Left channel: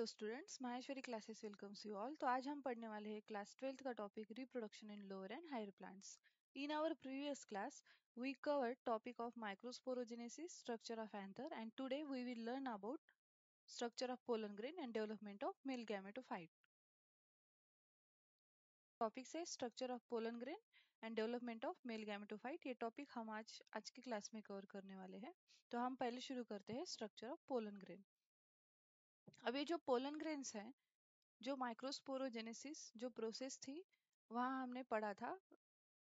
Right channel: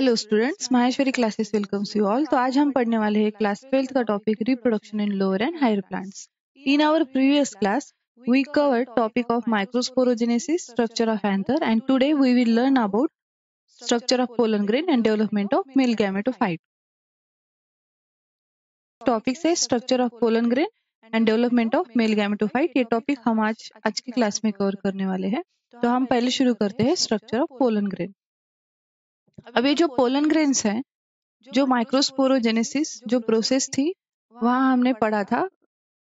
Hello students, Maheshwari classes welcomes you all. तो आज हम पढ़ने वाले हैं क्लास 12th का topic reproduction in lower and higher plants. In our previous class we covered topic of microsporogenesis, structure of anther, and today we will learn about structure of pollen grain and development of male gametophyte. Topic से structure of pollen grain and development of male gametophyte. ये topic हम आज की class में cover करने वाले हैं। तो हम पहले शुरू करते हैं स्ट्रक्चर ऑफ पोलन ग्रेन। अब ये जो पोलन ग्रेन्स हैं, जो माइक्रोस्पोरोजेनेसिस जो प्रोसेस थी, वहां हमने पढ़ा था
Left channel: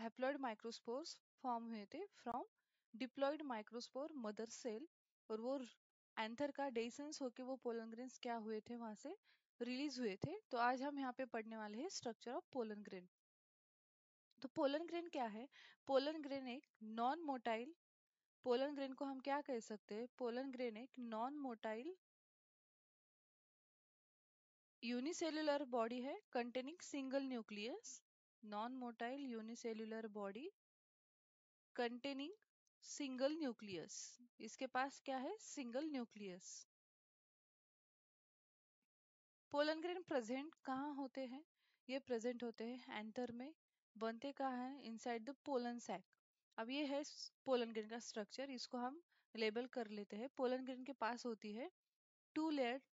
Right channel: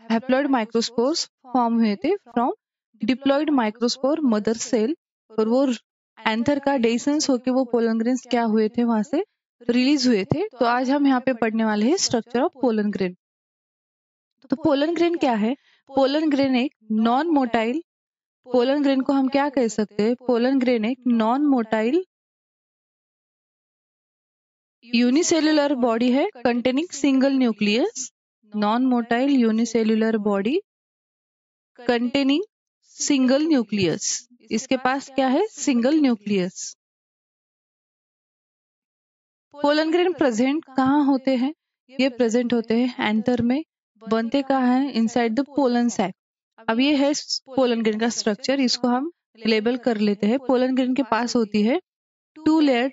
हैप्लॉइड माइक्रोस्पोर्स फॉर्म हुए थे from diploid microspore mother cell, और वो एंथर का डेसेंस होके वो पोलन ग्रेन्स क्या हुए थे, वहां से रिलीज हुए थे। तो आज हम यहाँ पे पढ़ने वाले हैं स्ट्रक्चर ऑफ पोलन ग्रेन। तो पोलन ग्रेन क्या है? पोलन ग्रेन एक नॉन मोटाइल, पोलन ग्रेन को हम क्या कह सकते हैं? पोलन ग्रेन एक नॉन मोटाइल यूनिसेल्युलर बॉडी है containing single nucleus. Non motile unicellular body containing single nucleus. इसके पास क्या है? Single nucleus. Pollen grain present कहाँ होते हैं? ये प्रेजेंट होते हैं एंथर में। बनते कहाँ है? Inside the pollen sac. अब ये है पोलन ग्रेन का स्ट्रक्चर, इसको हम लेबल कर लेते हैं। पोलन ग्रेन के पास होती है two layer.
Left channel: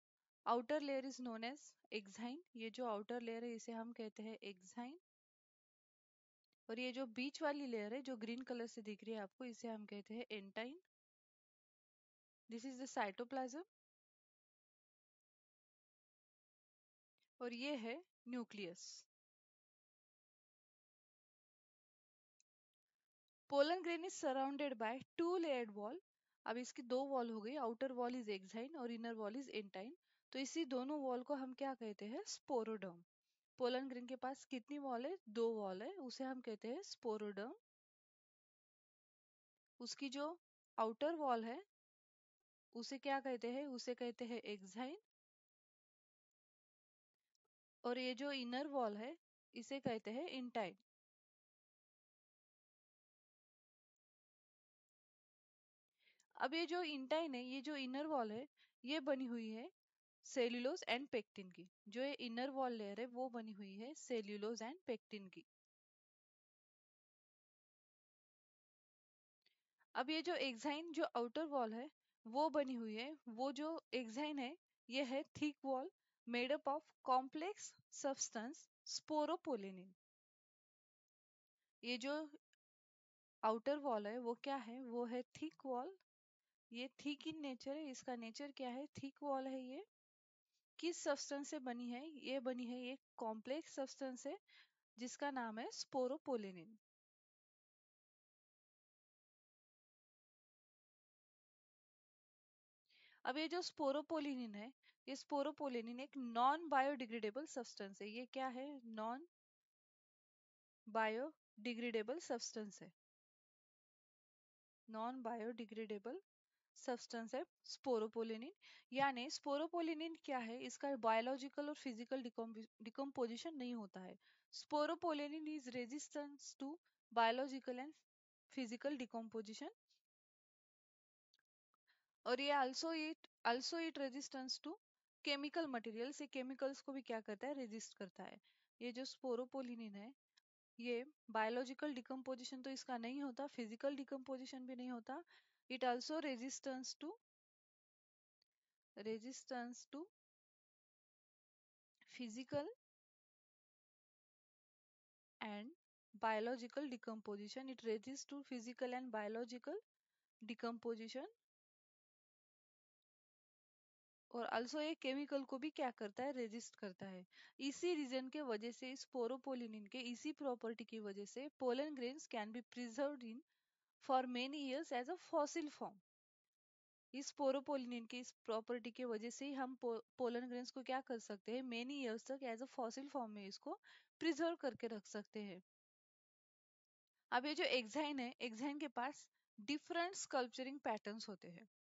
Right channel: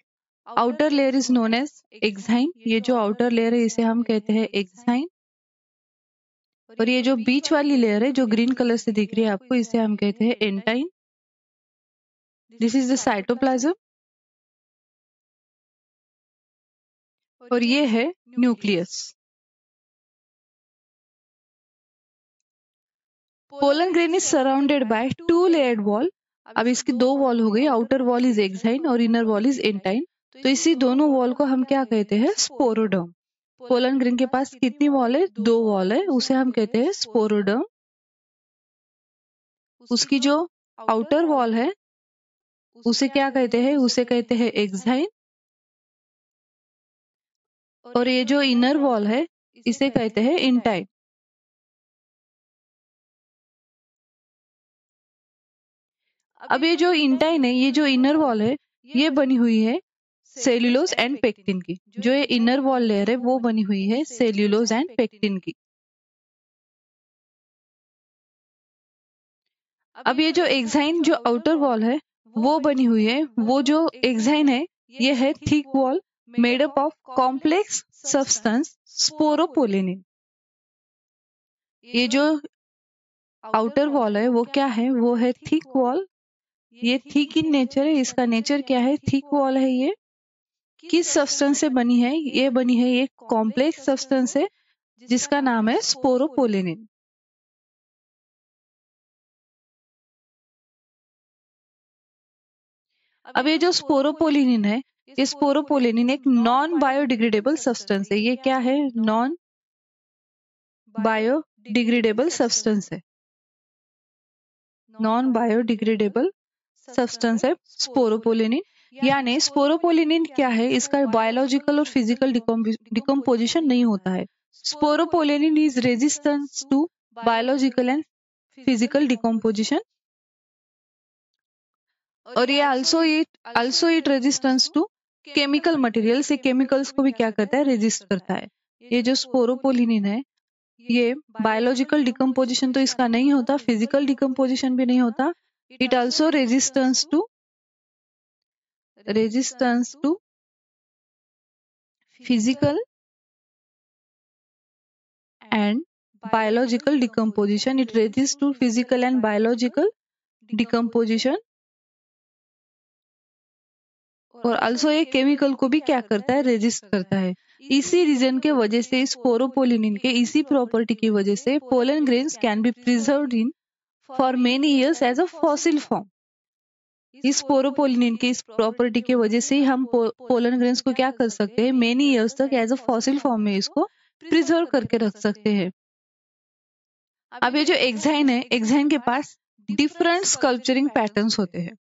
Outer layer is known as exine. ये जो आउटर लेयर है इसे हम कहते हैं एक्साइन, और ये जो बीच वाली लेयर है जो ग्रीन कलर से दिख रही है आपको, इसे हम कहते हैं एंटाइन। दिस इज द साइटोप्लाज्म, और ये है nucleus. Pollen grain is surrounded by two layered wall. अब इसकी दो वॉल हो गई, आउटर वॉल इज एक्साइन और इनर वॉल इज एंटाइन। तो इसी दोनों वॉल को हम क्या कहते हैं? स्पोरोडर्म। पोलन ग्रेन के पास कितनी वॉल है? दो वॉल है, उसे हम कहते हैं स्पोरोडर्म। उसकी जो आउटर वॉल है उसे क्या कहते हैं? उसे कहते हैं एक्साइन, और ये जो इनर वॉल है इसे कहते हैं इंटाइन। अब ये जो इंटाइन है, ये जो इनर वॉल है, ये बनी हुई है सेल्यूलोज एंड पेक्टिन की। जो ये इनर वॉल लेयर है वो बनी हुई है सेल्यूलोज एंड पेक्टिन की। अब ये जो एक्साइन जो आउटर वॉल है वो बनी हुई है, वो जो एक्साइन है ये है thick wall made up of complex substance sporopollenin. ये जो आउटर वॉल है वो क्या है? वो है थिक वॉल। ये थिक इन नेचर है, इसका नेचर क्या है? थिक वॉल है। ये किस सब्सटेंस से बनी है? ये बनी है एक कॉम्प्लेक्स सब्सटेंस है जिसका नाम है स्पोरोपोलिनिन। अब ये जो स्पोरोपोलिनिन है, ये स्पोरोपोलिनिन एक नॉन बायोडिग्रेडेबल सब्सटेंस है। ये क्या है? नॉन बायोडिग्रेडेबल सब्सटेंस है। नॉन बायोडिग्रेडेबल सब्सटेंस है स्पोरोपोलिनिन। यानी स्पोरोपोलिनिन क्या है? इसका बायोलॉजिकल और फिजिकल डिकम्पोजिशन नहीं होता है। Sporopollenin is resistance to biological and physical decomposition, और ये also it resistance to chemical material से केमिकल्स को भी क्या करता है? रेजिस्ट करता है। ये जो स्पोरोपोलिनिन है ये बायोलॉजिकल डिकम्पोजिशन तो इसका नहीं होता, फिजिकल डिकम्पोजिशन भी नहीं होता। It also resistance to physical and biological decomposition. It resist to physical and biological decomposition, और आल्सो ये केमिकल को भी क्या करता है? रेजिस्ट करता है। इसी रीजन के वजह से स्पोरोपोलिनिन के इसी प्रॉपर्टी की वजह से pollen grains can be preserved in for many years as a fossil form. इस स्पोरोपोलिनिन की इस प्रॉपर्टी की वजह से हम पोलन ग्रेन्स को क्या कर सकते हैं? मेनी इयर्स तक एज अ फॉसिल फॉर्म में इसको प्रिजर्व करके रख सकते हैं। अब ये जो एक्साइन है, एक्साइन के पास डिफरेंट स्कल्पचरिंग पैटर्न्स होते हैं।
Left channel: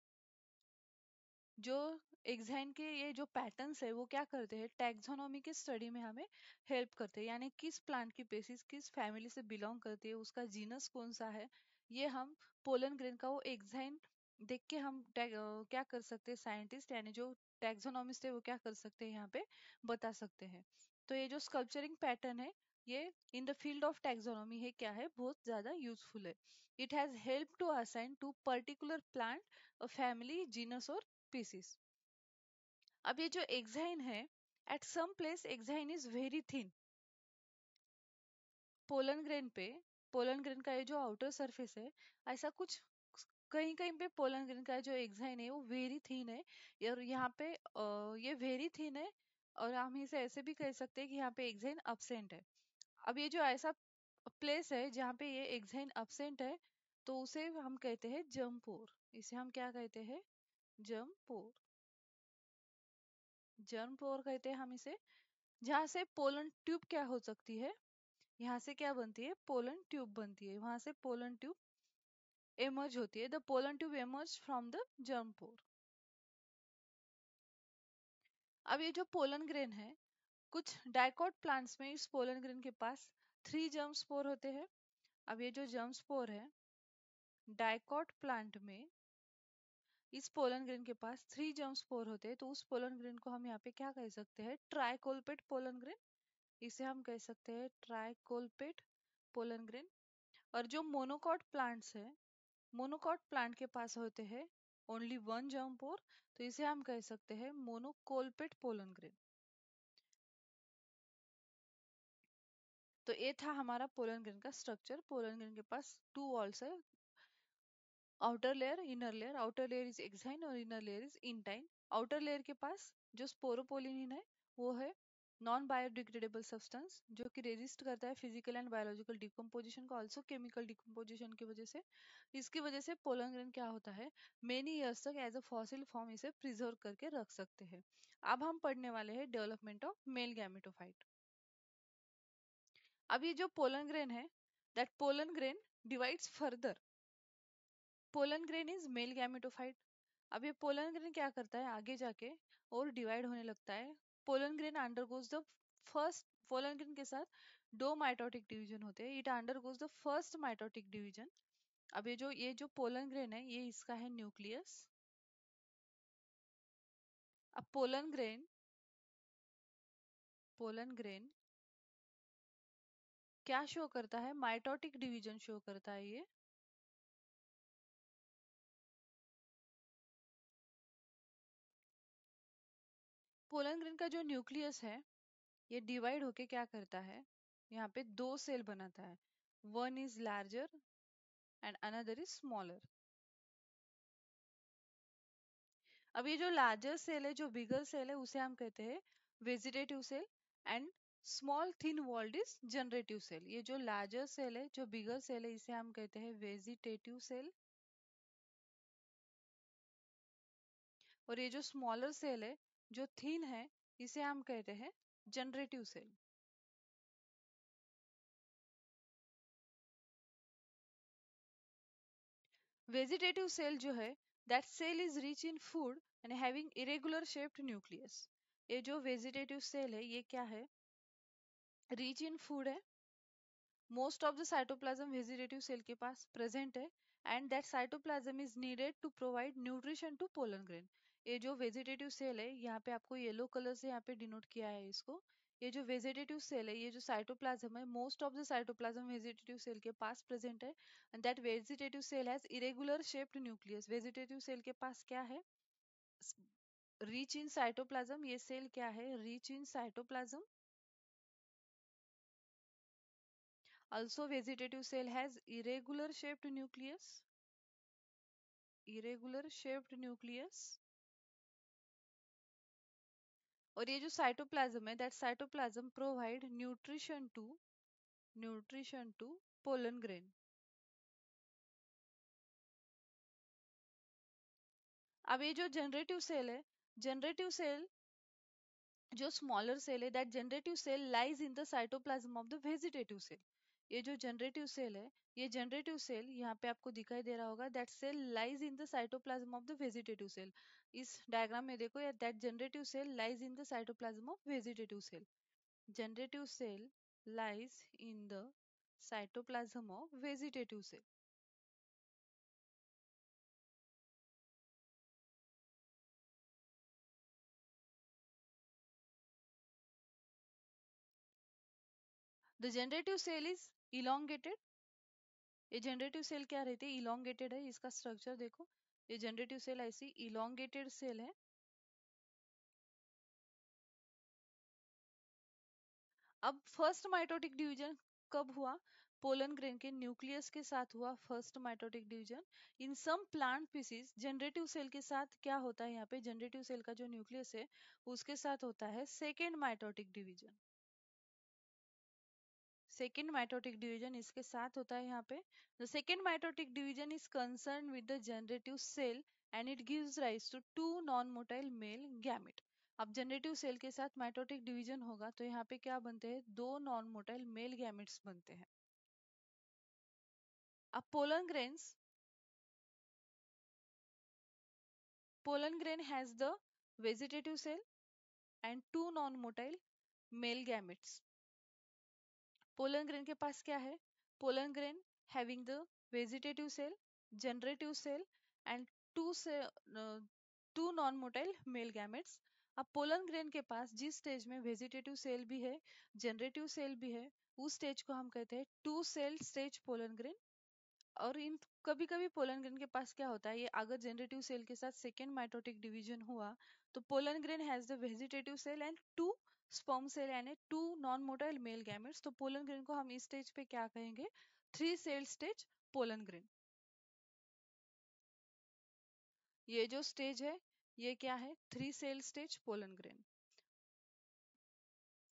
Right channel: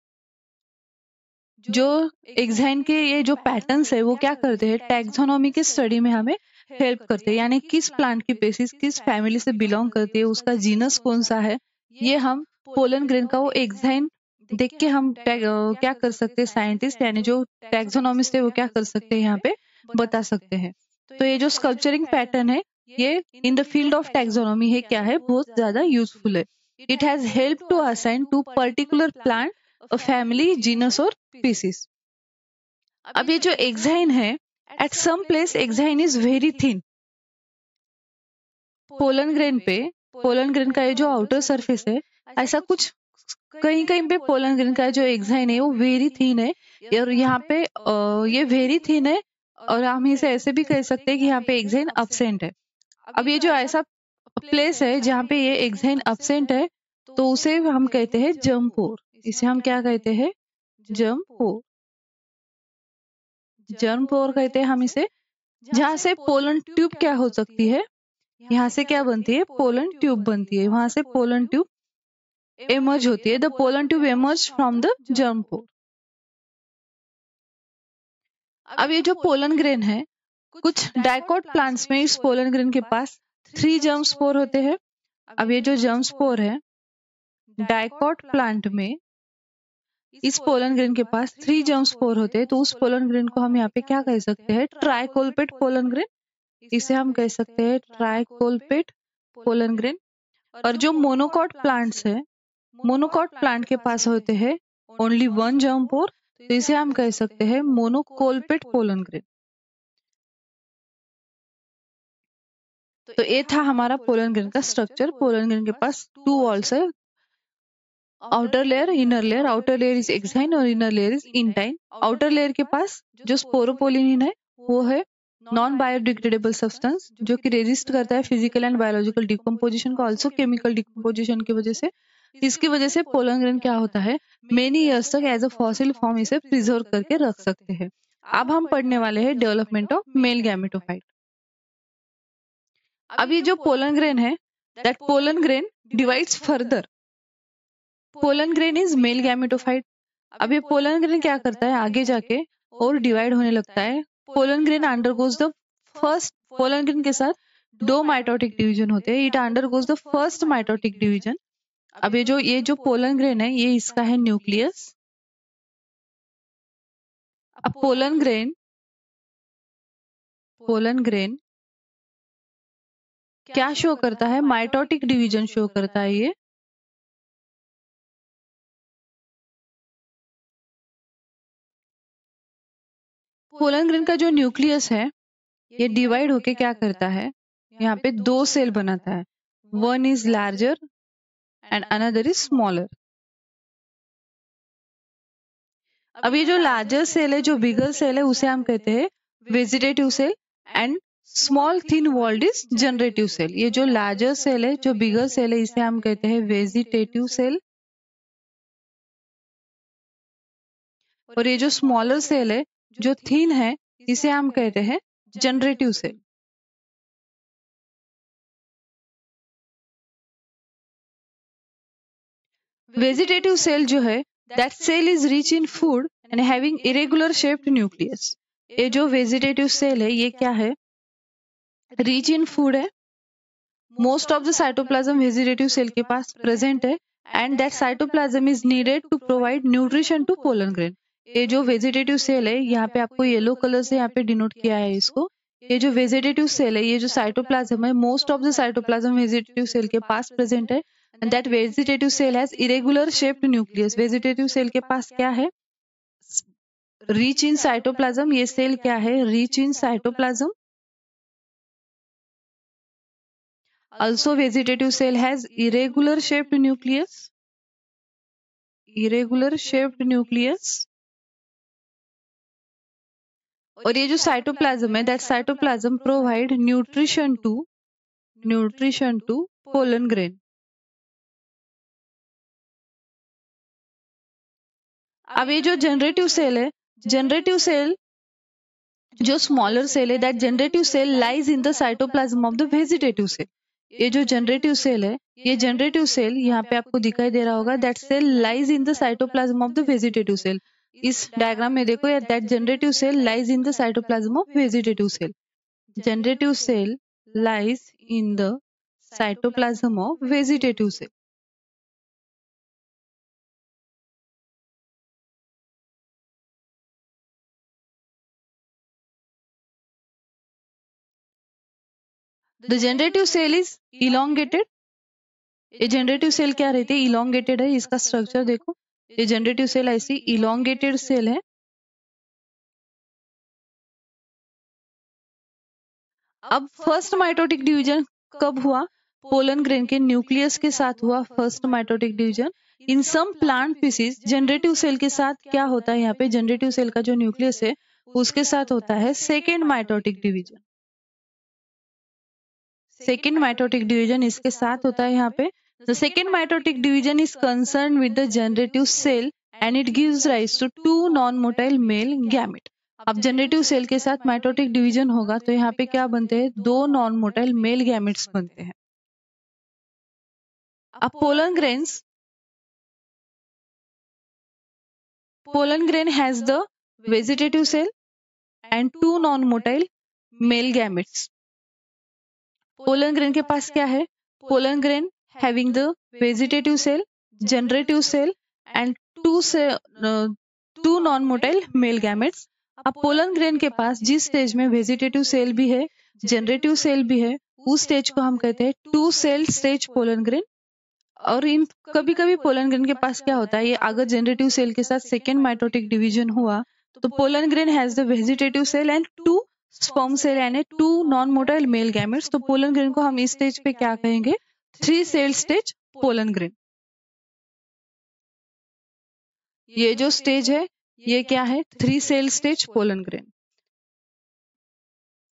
जो एक्साइन के ये जो पैटर्न्स है वो क्या करते हैं? टैक्सोनॉमी के स्टडी में हमें हेल्प करते हैं। यानी किस प्लांट की स्पीशीज किस फैमिली से बिलोंग करती है, उसका जीनस कौन सा है, ये हम पोलन ग्रेन का वो एक्साइन देख के हम क्या कर सकते हैं, साइंटिस्ट यानी जो टैक्सोनॉमिस्ट है वो क्या कर सकते हैं यहाँ पे बता सकते हैं। तो ये जो स्कल्पचरिंग पैटर्न है ये in the field of taxonomy है क्या है, बहुत ज्यादा यूजफुल है। It has help to assign to particular plant a family, genus और स्पीसीज। अब ये जो एक्साइन है, at some place exine is very thin. Pollen grain पे, पोलन ग्रेन का ये जो आउटर सरफेस है, ऐसा कुछ कहीं कहीं पे पोलन ग्रेन का जो एक्साइन है वो वेरी थिन है, और यहाँ पे ये वेरी थिन है, और हम इसे ऐसे भी कह सकते हैं कि यहाँ पे एक्साइन absent है। अब ये जो ऐसा प्लेस है जहाँ पे ये एक्साइन absent है, तो उसे हम कहते हैं जर्म पोर। इसे हम क्या कहते हैं, जर्म पोर। जर्म पोर कहते हैं हम इसे, जहाँ से पोलन ट्यूब क्या हो सकती है, यहाँ से क्या बनती है, पोलन ट्यूब बनती है, वहां से पोलन ट्यूब एमर्ज होती है। The pollen tube emerge from the germ pore. अब ये जो पोलन ग्रेन है, कुछ डाइकोट प्लांट्स में इस पोलन ग्रेन के पास 3 जर्म स्पोर होते हैं। अब ये जो जर्म स्पोर है, डाइकोट प्लांट में इस पोलन ग्रेन के पास 3 जर्म स्पोर होते हैं, तो उस पोलन ग्रेन को हम यहाँ पे क्या कह सकते हैं, ट्राइकोल्पेट पोलन ग्रेन। इसे हम कह सकते हैं ट्राइकोल्पेट पोलन ग्रेन। और जो मोनोकॉट प्लांट्स है, मोनोकॉट प्लांट के पास होते हैं ओनली 1 जर्म पोर, तो इसे हम कह सकते हैं मोनोकोल्पेट पोलन ग्रेन। तो ये था हमारा पोलन ग्रेन का स्ट्रक्चर। पोलन ग्रेन के पास 2 वॉल्स है, outer layer, inner layer. Outer layer is exine और inner layer is intine. Outer layer के पास जो स्पोरोपोलिनिन है वो है नॉन बायोडिग्रेडेबल सब्सटेंस, जो कि रेजिस्ट करता है फिजिकल एंड बायोलॉजिकल डिकम्पोजिशन को, ऑल्सो केमिकल डिकम्पोजिशन की वजह से। इसकी वजह से पोलन ग्रेन क्या होता है, मेनी ईयर्स तक एज अ फॉसिल फॉर्म इसे प्रिजर्व करके रख सकते हैं। अब हम पढ़ने वाले हैं डेवलपमेंट ऑफ मेल गैमेटोफाइट। अब ये जो पोलन ग्रेन है, that pollen grain divides further. Pollen grain is male gametophyte. अब ये पोलन ग्रेन क्या करता है, आगे जाके और डिवाइड होने लगता है। Pollen grain undergoes the first, pollen grain के साथ 2 माइटोटिक डिवीजन होते हैं। It undergoes the first mitotic division. अब ये जो पोलन ग्रेन है, ये इसका है न्यूक्लियस। अब पोलन ग्रेन क्या शो करता है, माइटोटिक डिवीजन शो करता है ये। पोलन ग्रेन का जो न्यूक्लियस है, ये डिवाइड होके क्या करता है, यहाँ पे 2 सेल बनाता है। One is larger and another is smaller. अब ये जो लार्जर सेल है, जो बिगर सेल है, उसे हम कहते हैं vegetative cell, and small thin walled is generative cell. ये जो लार्जर सेल है, जो बिगर सेल है, इसे हम कहते हैं वेजिटेटिव सेल, और ये जो स्मॉलर सेल है, जो थिन है, इसे हम कहते हैं जनरेटिव सेल। वेजिटेटिव सेल जो है, that cell is rich in food and having irregular shaped nucleus. ये जो वेजिटेटिव सेल है, ये क्या है, रिच इन फूड है। Most of the cytoplasm vegetative cell के पास प्रेजेंट है, and that cytoplasm is needed to provide nutrition to pollen grain. ये जो वेजिटेटिव सेल है, यहाँ पे आपको येलो कलर से यहाँ पे डिनोट किया है इसको। ये जो वेजिटेटिव सेल है, ये जो साइटोप्लाज्म है, most of the cytoplasm vegetative cell के पास प्रेजेंट है, and that vegetative cell has irregular shaped nucleus. Vegetative cell के पास क्या है, रिच इन साइटोप्लाज्म। ये सेल क्या है, rich in cytoplasm. Also vegetative cell has irregular shaped nucleus. Irregular shaped nucleus. और ये जो साइटोप्लाज्म है, that cytoplasm provide nutrition to pollen grain. अब ये जो जनरेटिव सेल है, जनरेटिव सेल जो स्मॉलर सेल है, that generative cell lies in the cytoplasm of the vegetative cell. ये जो जनरेटिव सेल है, ये जनरेटिव सेल यहाँ पे आपको दिखाई दे रहा होगा, that cell lies in the cytoplasm of the vegetative cell. इस डायग्राम में देखो, that generative cell lies in the cytoplasm of vegetative cell. Generative cell lies in the cytoplasm of vegetative cell. The generative cell is elongated. ये generative cell क्या रहती है, elongated है। इसका structure देखो, ये जनरेटिव सेल ऐसी इलोंगेटेड सेल है। अब फर्स्ट माइटोटिक डिवीजन कब हुआ, पोलन ग्रेन के न्यूक्लियस के साथ हुआ first mitotic division. In some plant species generative cell के साथ क्या होता है, यहाँ पे जनरेटिव सेल का जो न्यूक्लियस है उसके साथ होता है second mitotic division. Second mitotic division इसके साथ होता है यहाँ पे। The second mitotic division is concern with the generative cell and it gives rise to two non motile male gamete. अब जनरेटिव सेल के साथ माइटोटिक डिवीजन होगा तो यहाँ पे क्या बनते हैं, दो नॉन मोटाइल मेल गैमेट्स बनते हैं। अब pollen grain has the vegetative cell and two non motile male gametes. Pollen grain के पास क्या है, pollen grain having the vegetative cell, generative cell and two non motile male gametes. अब pollen grain के पास जिस स्टेज में vegetative cell भी है, जनरेटिव सेल भी है, उस स्टेज को हम कहते हैं two cell stage pollen grain. और इन कभी कभी पोलन ग्रेन के पास क्या होता है, ये अगर जनरेटिव सेल के साथ सेकेंड माइटोटिक डिवीजन हुआ तो pollen grain has the vegetative cell and two sperm cell यानी two non motile male gametes. तो पोलन ग्रेन को हम इस स्टेज पे क्या कहेंगे, three cell stage pollen grain. ये जो स्टेज है ये क्या है, three cell stage pollen grain.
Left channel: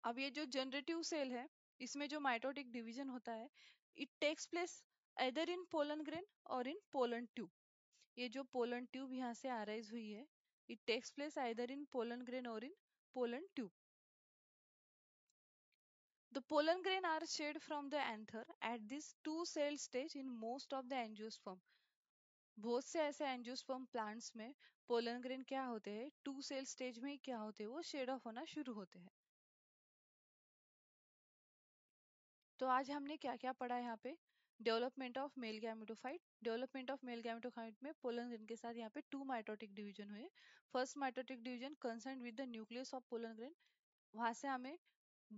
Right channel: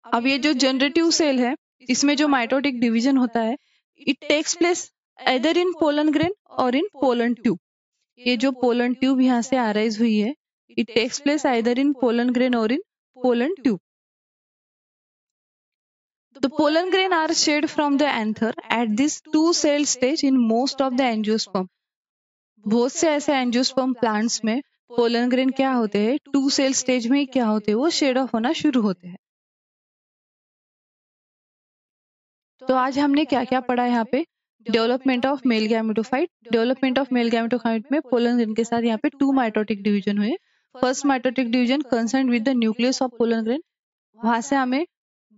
अब ये जो जनरेटिव सेल है इसमें जो माइटोटिक डिवीजन होता है, it takes place either in pollen grain or in pollen tube। ये जो pollen tube यहाँ से arise हुई है, it takes place either in pollen grain or in pollen tube। The pollen grain are shed from the anther at this two cell stage in most of the angiosperm। बहुत से ऐसे angiosperm plants में pollen grain क्या होते हैं, two cell stage में क्या होते हैं, वो शेड ऑफ होना शुरू होते हैं। तो आज हमने क्या क्या पढ़ा यहाँ पे, development of male gametophyte. Development of male gametophyte में पोलन ग्रेन के साथ यहाँ पे टू माइटोटिक डिवीजन हुए। First mitotic division concern with the nucleus of pollen grain, वहां से हमें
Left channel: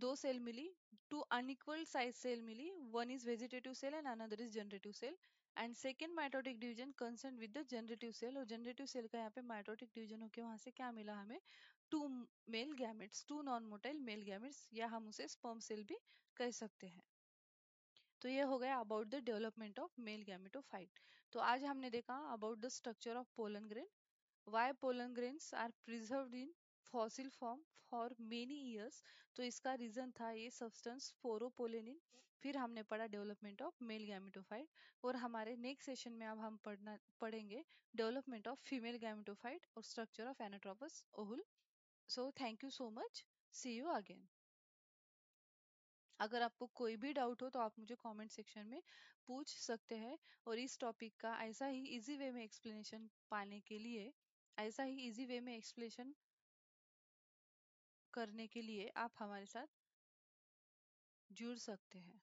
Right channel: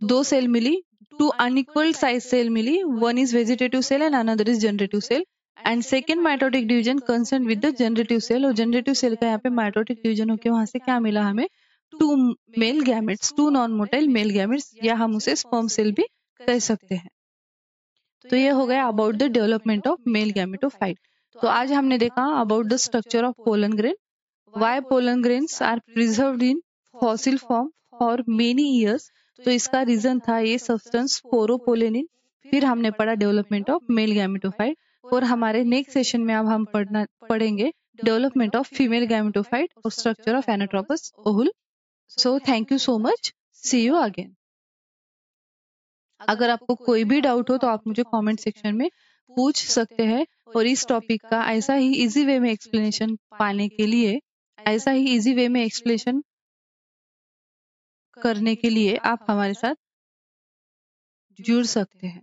दो सेल मिली, टू अनइक्वल साइज सेल मिली, one is vegetative cell and another is generative cell. And second mitotic division concern with the generative cell, और generative cell का यहाँ पे माइटोटिक डिवीजन होकर वहां से क्या मिला हमें, two male gametes, two non motile male gametes, या हम उसे स्पर्म सेल भी कह सकते हैं। तो ये हो गया about the development of male gametophyte. तो आज हमने देखा about the structure of pollen grain, why pollen grains are preserved in fossil form for many years. तो इसका रीजन था ये सब्सटेंस स्पोरोपोलेनिन। फिर हमने पढ़ा डेवलपमेंट ऑफ मेल गैमेटोफाइट, और हमारे नेक्स्ट सेशन में अब हम पढ़ेंगे डेवलपमेंट ऑफ फीमेल गैमेटोफाइट और structure of anatropous ovule. So thank you so much, see you again. अगर आपको कोई भी डाउट हो तो आप मुझे कमेंट सेक्शन में पूछ सकते हैं, और इस टॉपिक का ऐसा ही इजी वे में एक्सप्लेनेशन पाने के लिए, ऐसा ही इजी वे में एक्सप्लेनेशन करने के लिए आप हमारे साथ जुड़ सकते हैं।